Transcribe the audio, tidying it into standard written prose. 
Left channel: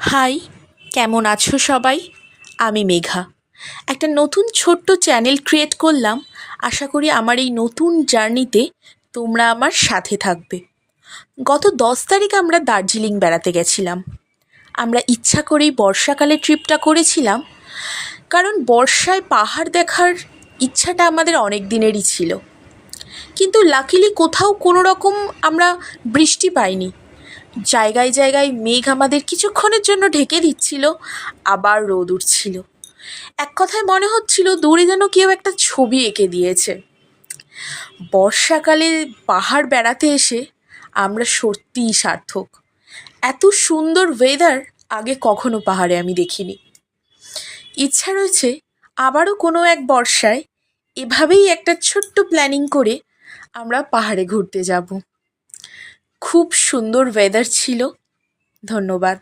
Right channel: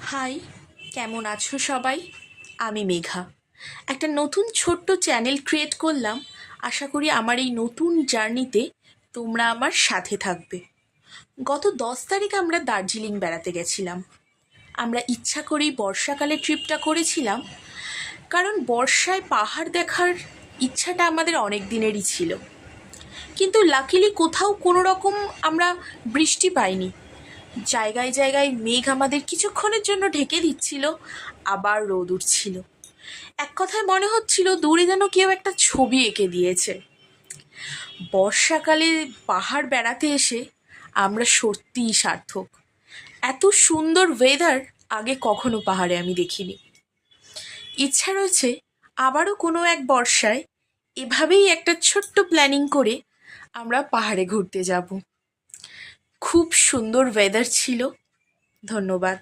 High, কেমন আছো সবাই? আমি মেঘা। একটা নতুন ছোট্ট চ্যানেল ক্রিয়েট করলাম। আশা করি আমার এই নতুন জার্নিতে তোমরা আমার সাথে থাকবে। গত 10 তারিখ আমরা দার্জিলিং বেড়াতে গেছিলাম। আমরা ইচ্ছা করেই বর্ষাকালে ট্রিপটা করেছিলাম, কারণ বর্ষায় পাহাড় দেখার ইচ্ছাটা আমাদের অনেক দিনেরই ছিল। কিন্তু লাকিলি কোথাও কোনো রকম আমরা বৃষ্টি পাইনি। জায়গায় জায়গায় মেঘ আমাদের কিছুক্ষণের জন্য ঢেকে দিচ্ছিল, আবার রোদ উঠছিল। এক কথায় মনে হচ্ছিল দূরে যেন কেউ একটা ছবি এঁকে দিয়েছে। বর্ষাকালে পাহাড় বেড়াতে এসে আমরা সত্যিই সার্থক। এত সুন্দর ওয়েদার আগে কখনো পাহাড়ে আমি দেখিনি। ইচ্ছা রয়েছে আবারও কোনো এক বর্ষায় এভাবেই একটা ছোট্ট প্ল্যানিং করে আমরা পাহাড়ে ঘুরতে যাব। খুব সুন্দর ওয়েদার ছিল। ধন্যবাদ।